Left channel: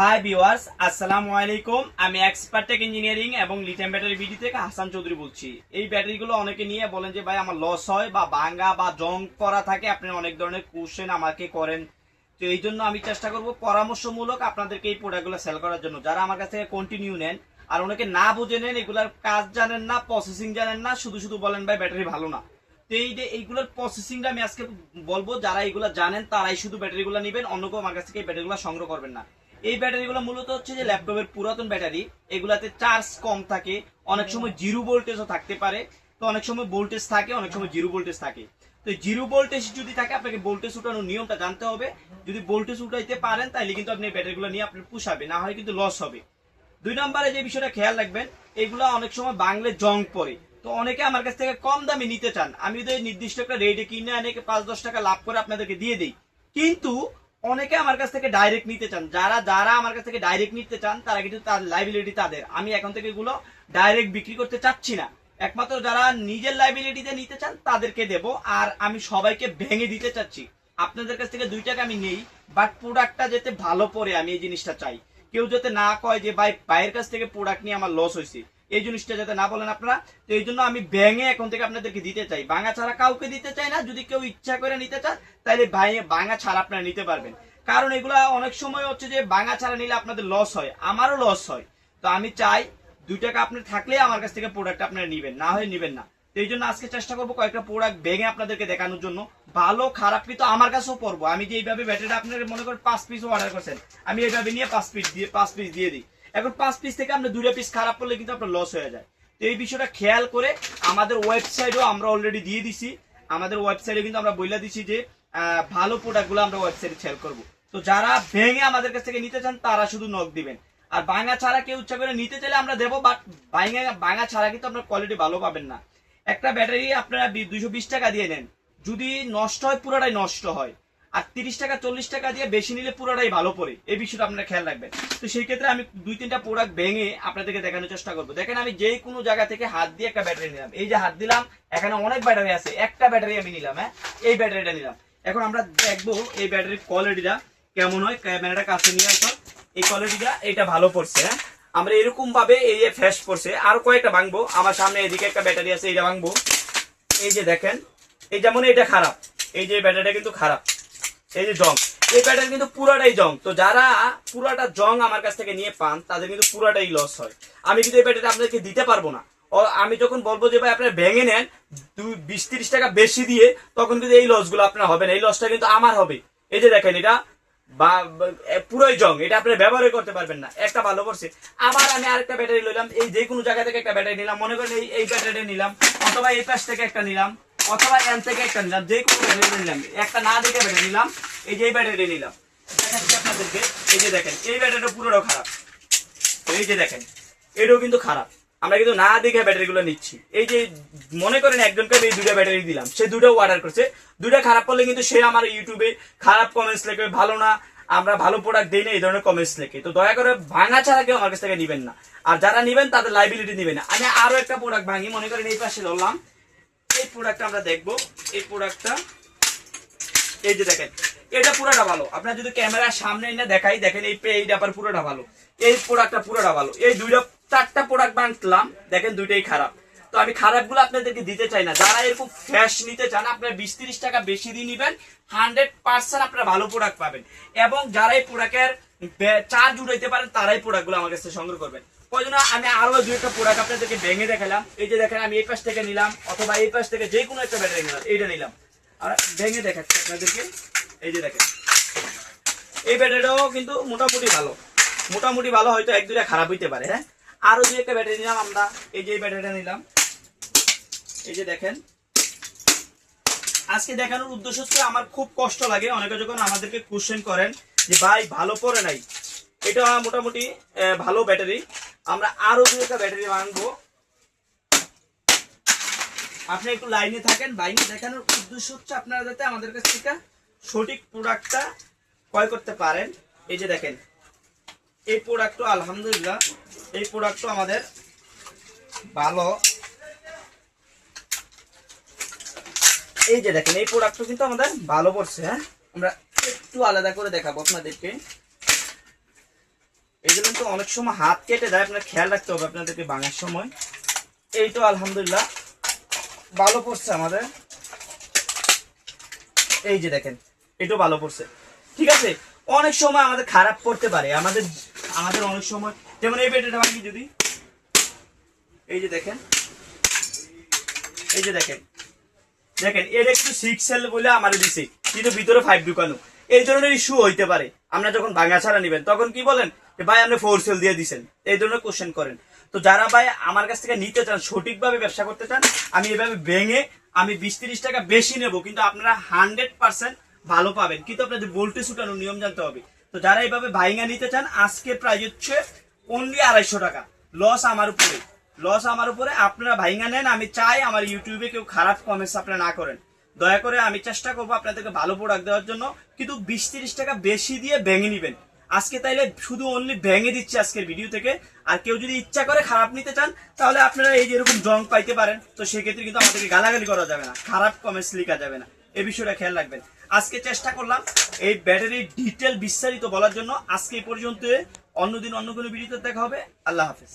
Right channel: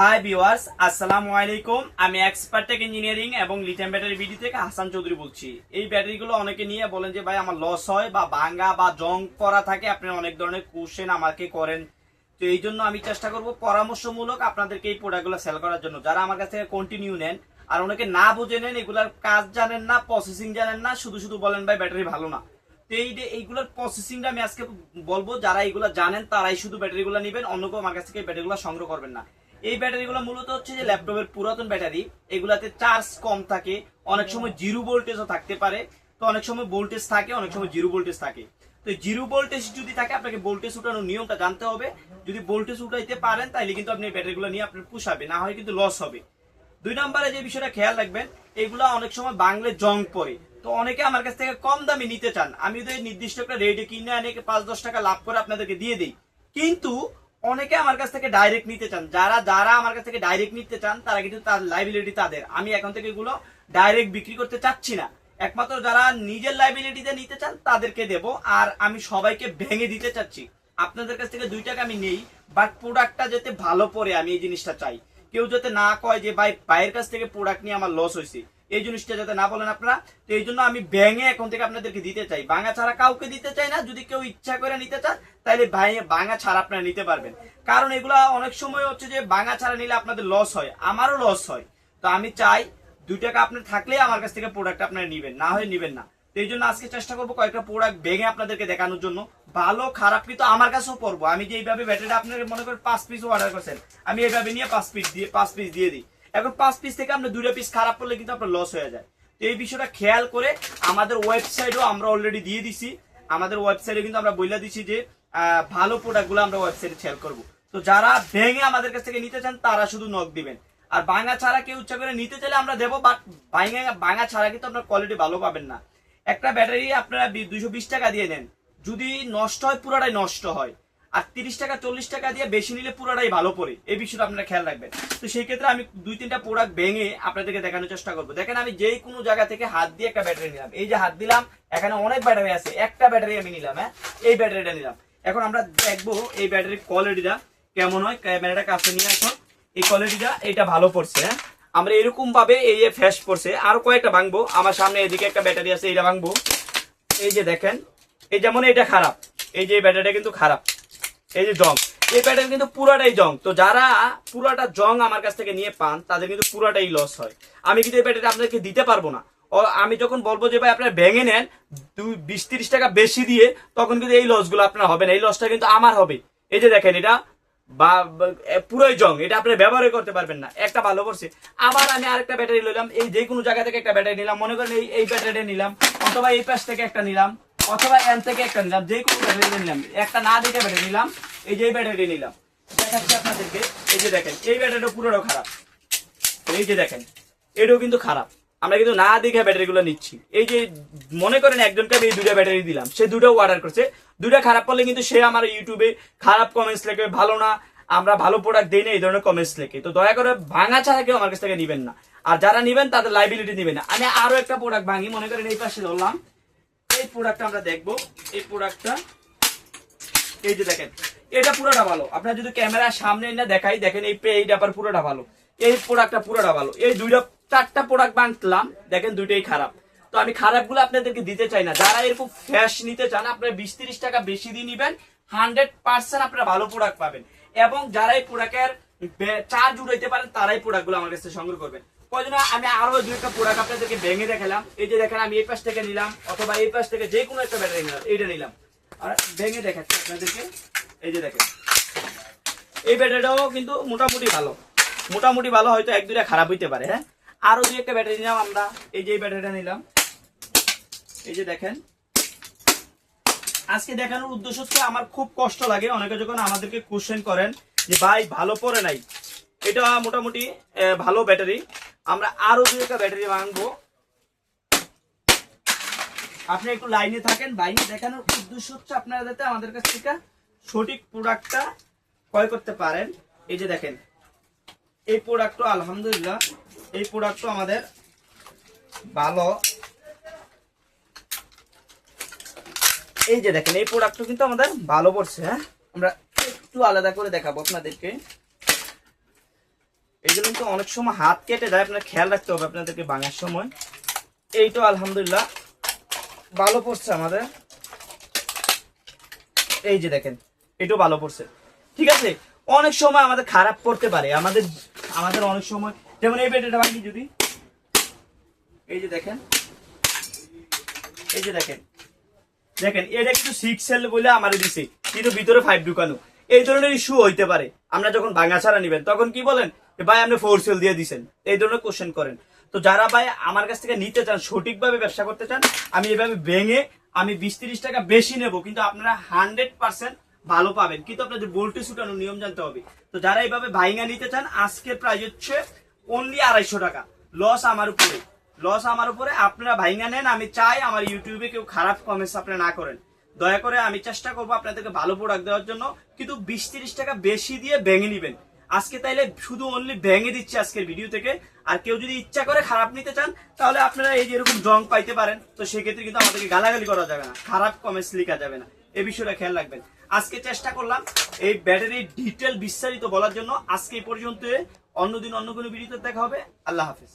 Hi viewers, আসসালামু আলাইকুম। আমি এক্সপার্ট টেক ইঞ্জিনিয়ারিং এবং লিথিয়াম ব্যাটারি বিডি থেকে হাসান চৌধুরী বলছি। এই ব্যাটারিগুলো অনেকে নিয়ে বলেন যে ভাই আমার লস হয় বা ভাঙা বা জং করা থাকে, আপনারা অনেক ধরনের কোশ্চেন আমাকে করেন। তো এই জন্য আমি চেষ্টা করব পরামর্শমূলক আপনাদেরকে এই প্রোডাক্টগুলো সেল করার জন্য, যারা আমার কাছ থেকে কন্টিনিউ নেন। আর অনেকে না বুঝে নেন, এগুলার কাজ জানেন না, প্রসেসিং জানেন না, শুধু শুধু বলেন ভাই ব্যাটারি ভালো না। তো এইগুলোর প্রসেসিংটা আমি আজকে বলবো। যারা এগুলো জানেন তারাই শুধু ব্যাটারিগুলো নেবেন, অন্য কেউ আমার কাছ থেকে এই ব্যাটারিগুলো সংগ্রহ করবেন না। এই ব্যাটারিগুলো মূলত হচ্ছে যে ল্যাপটপের পুরাতন ব্যাটারি, এগুলাতে চার্জ কম থাকে, অনেক সময় জিরো ভোল্টেজও থাকতে পারে। তো অনেক সময় ভোল্টেজ থাকে, অনেক সময় জিরো ভোল্টেজ থাকে। তো জিরো ভোল্টেজ যদি থাকে, আপনাকে ভোল্টেজ উঠানোর নিয়মটা জানতে হবে। যদি ভোল্টেজ উঠাইতে পারেন তাহলে কিন্তু আপনি ব্যাটারিগুলো নিয়ে আপনার পুষাবে, না হয় কিন্তু লস হবে। 2 নম্বরে যে বিষয়টা খেয়াল রাখবেন, এগুলা অনেক সময় বাংলে জং পড়ে। তো অনেকে আমার কাছ থেকে কম দামে নিতে চান, আমি তো এই নির্দিষ্ট একটা রেটে কিনে অনেকে 5-10 টাকা লাভ করে আপনাদেরকে দিয়ে দিই। কিন্তু অনেকে আমার কাছ থেকে ডাইরেক্ট নিতে চান। যারা যারা আমার কাছ থেকে ডাইরেক্ট নিতে চান তারা কিন্তু তার লাইবিলিটি তাদের, আমি এখন থেকে এগুলো ডাইরেক্ট বিক্রি করতে চাচ্ছি না। একমাত্র যারা নিজের লাইবিলিটিতে নিতে চান তাদেরকে দেব। আর আমি সবাইকে ভেঙে দিতে চাচ্ছি। আপনাদের কাছ থেকে 2 টাকা আমি নেই, বাট প্রোডাক্টটা যাতে ভালো পড়ে, আমি এই জিনিসটা চাই। কেউ যাতে না কয় যে ভাই ভাইয়ের কাছ থেকে প্রোডাক্ট নিয়ে আমার লস হয়েছে, এই জিনিসটা যাতে না বলেন আপনারা। তো এই জন্য আমি ভেঙে এখন থেকে আপনাদেরকে দিতে চাই, ভাঙা ছাড়া কাউকে দিতে চাই না। যদি কেউ ইচ্ছা করে নিতে চান তাহলে ভাঙা ছাড়া আপনারা নিতে পারবেন। কারণ এগুলা অনেক সময় হচ্ছে যে ভাঙা ছাড়া নিলে আপনাদের লস হয়, আমারও লস হয়। তো আমি চাই 2 টাকা আপনার থাকলে আমার কাছ থেকে প্রোডাক্ট আপনারা নিবেন, না হয় নিবেন না। তো এই জন্য আজকে চেষ্টা করবো কয়েকটা প্রোডাক্ট ভেঙে আপনাদেরকে দেখানোর জন্য। ভালো খারাপ কিন্তু আমার কাছেও পড়বো। আমি যে এইভাবে ব্যাটারিটা আপনার মনে করেন 5 পিস অর্ডার করছেন, আমি এইভাবে নিয়ে 5 পিস দিয়ে দিই। এখন 5 পিস থেকে আপনার 2টা পিস খারাপ করলে কিন্তু আপনার লস হয়ে যায়। তো এই বিষয়টা খেয়াল করে আমাদের ওয়েবসাইটও আমরা অলরেডি দিয়ে দিছি। আমাদের ওয়েবসাইটে কিন্তু আমরা বলে দিচ্ছি যে ভালো প্রোডাক্টগুলো আমরা ওয়েবসাইটে সেল করবো। তো যারা ভেঙে আমাদের কাছ থেকে নিতে চান তারা শুধু নক দিবেন। আর ভাঙা ছাড়া কেউ ইচ্ছা করে নিতে চাইলে আমরা দেবো, বাট ভাঙা ছাড়া কিন্তু আপনার কোয়ালিটি ভালো পাবেন না। একটা ব্যাটারি আপনারা 220 টাকা দিয়ে নেন, যদি নষ্ট হয় পুরোটাই নষ্ট হয়। আর 30 টাকা 40 টাকা দিয়ে বেশি নিলে পুরোটাই ভালো পড়ে, এই বিষয়টা আপনারা খেয়াল রাখবেন। তো সেই ক্ষেত্রে আমি 2-3টা প্রোডাক্ট ভেঙে আপনাদেরকে দেখানোর চেষ্টা করবো। দেখেন, আমি যে কোনো জায়গা থেকে হাত দিয়ে একটা ব্যাটারি নিলাম, এই যে হাত দিলাম, এখানে অনেক ব্যাটারি আছে, একটা ব্যাটারি আমি নিলাম। হ্যাঁ, এই ব্যাটারিটা নিলাম। এখন আমরা দেখবো এই ব্যাটারির কোয়ালিটিটা কেমন হয়। ক্যামেরাটা কাছে নিয়ে আসো। এই কোয়ালিটিটা এটা ভালো পড়ছে। হ্যাঁ, আমরা এরকম ভাবে এই যে ফ্যাশ পড়ছে। আরো কয়েকটা ভাঙবো, আমার সামনে এদিকে একটা ব্যাটারি আছে, এটা ভাঙবো। এই যে দেখেন, এই যেমন এটা খারাপ, এই যে ব্যাটারিটা কিন্তু খারাপ, এই যে জং, এই ব্যাটারি কিন্তু পুরাটাই জং। তো যারা পুরাটা জং আমার কাছ থেকে নিয়ে পান তাদের কিন্তু পুরাটাই লস হয়। আমি কিন্তু এই ব্যাটারি আপনাদেরকে দিতে পারবো না। আমি যখন বলবো যে ভাই আপনারা ভেঙে নেন 20-30 টাকা বেশি দিয়ে, তখন কিন্তু এই লস গুলো আপনার হবে না, এই লসটা কিন্তু আমার হবে। এই যে দেখেন, এটা পুরোই জং, এটা আপনি ব্যবহার করতে পারবেন না। একটা ভালো করছে। আবার আমি আরেকটা ব্যাটারি নিলাম, এই যে কোনো জায়গা থেকে একটা ব্যাটারি নিলাম, মনে করেন এই ব্যাটারিটা নিলাম, অথবা এই পাশ থেকে একটা নিলাম, অথবা এন থেকে একটা নিলাম, যে কোনো ব্যাটারি নিলাম। একটা না দেখে ব্যাটারি নিলাম, এই যে এই ব্যাটারি নিলাম, দেখাচ্ছি আপনাদেরকে। এই যে দেখেন, এই ব্যাটারিটা পুরোটাও খারাপ। এই যে দেখেন, এটাও কিন্তু খারাপ। আমরা কিন্তু না দেখে ব্যাটারি গুলো নিচ্ছি। এই যে মনে করেন একজনকে এই 2টা ব্যাটারি দিলাম, সে 2টাও অর্ডার করছে, 2টা খারাপ করলে কিন্তু সে আমার ইউটিউবে খারাপ কমেন্টস লেখে, ভালো না, আমরা ভালো প্রোডাক্ট দিই না, এই ধরনের কমেন্টস লেখে। তো দয়া করে ভাঙা ছাড়া কেউ আমার কাছ থেকে নিবেন না। আর যারা নিবেন তাদের লাইবিলিটি নিবেন না। আমি আরো একটা প্রোডাক্ট ভাঙি, মনে করেন এই পাশে ধরলাম, এই প্রোডাক্টটা আমরা দেখবো। এই প্রোডাক্টটা এই যে দেখেন, এটা পুরোটা ভালো। আপনার যদি ক্যামেরার সামনে না দেখাই, দেখেন এই ব্যাপার পুরোটা ভালো, এই প্রোডাক্টটা পুরোটা ভালো। এই 4টা প্রোডাক্ট বাঁধলাম, দেখেন 2টাই খারাপ। তো আমি খারাপ গুলো আপনাদেরকে দিতে চাই না। যারা এরকম ফ্রেশ নিতে চান, আপনারা 20-30 টাকা বেশি দিয়ে নিবেন, 100% আপনারা ভালো প্রোডাক্ট পাবেন। এবং যারা এই প্রোডাক্টের চার্জ উঠাইতে পারেন তারাই প্রোডাক্ট গুলো আমার কাছে সংগ্রহ করবেন। প্রয়োজন আমি আরো 2টা প্রোডাক্ট আপনাদেরকে ভেঙে দেখালাম। এই যে দেখেন, আমি এই পাশ থেকে নিলাম, অথবা এই পাশ থেকে যে কোনো একটা ব্যাটারি নিলাম, এইটা নিলাম, আর ভেঙে দেখাচ্ছি আপনাদেরকে। এই যে দেখেন, এই ব্যাটারিটাও কিন্তু মোটামুটি ভালো, মোটামুটি ভালো, হয়তো 1-2টা খারাপ হইতে পারে। হ্যাঁ, আরো 2-একটা ব্যাটারি নিলাম আমরা। এই যে এই ব্যাটারিটা নিলাম, এই যে দেখেন। আজকে দেখানোর উদ্দেশ্য হচ্ছে, আমার খুব কষ্ট লাগে অনেকে যখন আমাদেরকে কোশ্চেন করেন যে ভাই ভালো পড়ে নাই। এটা মোটামুটি ভালো ব্যাটারি। আমরা আরো 2-একটা ব্যাটারি ভাঙবো। আপনি একটু লাইনে থাকেন। বাইরে দেখানোর উদ্দেশ্য হচ্ছে আপনারা যাতে আমাদের কাছ থেকে সঠিক প্রোডাক্টটা ক্রয় করতে পারেন। এই যে দেখেন, এই প্রোডাক্টটা আলহামদুলিল্লাহ, এই প্রোডাক্টটা আমাদের ভালো। এই যে দেখেন, এই প্রোডাক্টটা কিন্তু আমাদের ভালো পড়ছে। হ্যাঁ, আমরা একটু আলাদা করে দেখাবো আপনাদেরকে। এগুলো কিন্তু অনেক সময় হাত কেটে দেয়, আপনার খেয়াল রাখতে হবে আপনাদেরকে ভাঙার সময়। এইটা আলহামদুলিল্লাহ ভালো পড়ছে আমাদের, এই যে দেখেন এটাও ভালো পড়ছে। ঠিক আছে, অনেক সময় আমাদের খারাপ পড়তে পারে, আমাদের অনেক সময়, যেমন এই ব্যাটারিটা ভাঙি যদি, এই যে দেখেন, এই যে দেখেন দেখেন এটা কিন্তু 6 সেল বলে আমার দিছে, কিন্তু ভিতরে 5 ঢুকানো। এই ধরনের ইস্যু হইতে পারে। আপনারা যখন ভাঙা ছাড়া নেবেন তখন কি বলেন ভাই আপনি 4 সেল দিয়ে দিছেন, এই ধরনের কোশ্চেন করেন। তো যারা ভাই আমার কাছ থেকে নিতে চান, সঠিকভাবে ব্যবসা করতে চান, আমি এভাবে ভেঙে আমি 20-30 টাকা বেশি নেব, কিন্তু আপনারা 100% ভালো পাবেন। কিন্তু আপনাদের ভোল্টেজ শুকানোর নিয়ম জানতে হবে। তো যারা এইভাবে ভাইঙা নিতে চান, আজকের প্রাইস হচ্ছে অনলি 250 টাকা। লস আমার উপরে, লস আমার উপরে। আপনারা ভাইঙা নেন। আমি চাই আমার ইউটিউবে কেউ খারাপ কমেন্টস আপনারা না করেন, দয়া করে। আমি চেষ্টা করবো আপনাদেরকে ভালো প্রোডাক্ট দেওয়ার জন্য, কিন্তু 20-30 টাকা বেশি দিয়ে ভেঙে নিবেন আজকে। তাইলে শুধু অনলি ভেঙে দিচ্ছে আজকের ভিডিও থেকে। আর কেউ যদি ইচ্ছা করে খারাপ নিতে চান, তাহলে আপনারা এই যে এরকম জং পাইতে পারেন। তো সেক্ষেত্রে কিন্তু আমাদেরকে গালাগালি করা যাবে না, খারাপ কমেন্টস লেখা যাবে না, এই বিষয়টা খেয়াল রাখবেন। আজকে চেষ্টা করলাম এই ব্যাটারির ডিটেল বিস্তারিত বলার জন্য। আজকে এই পর্যন্ত, অন্যদিন অন্য কোনো ভিডিওতে দেখা হবে। আল্লাহ হাফেজ।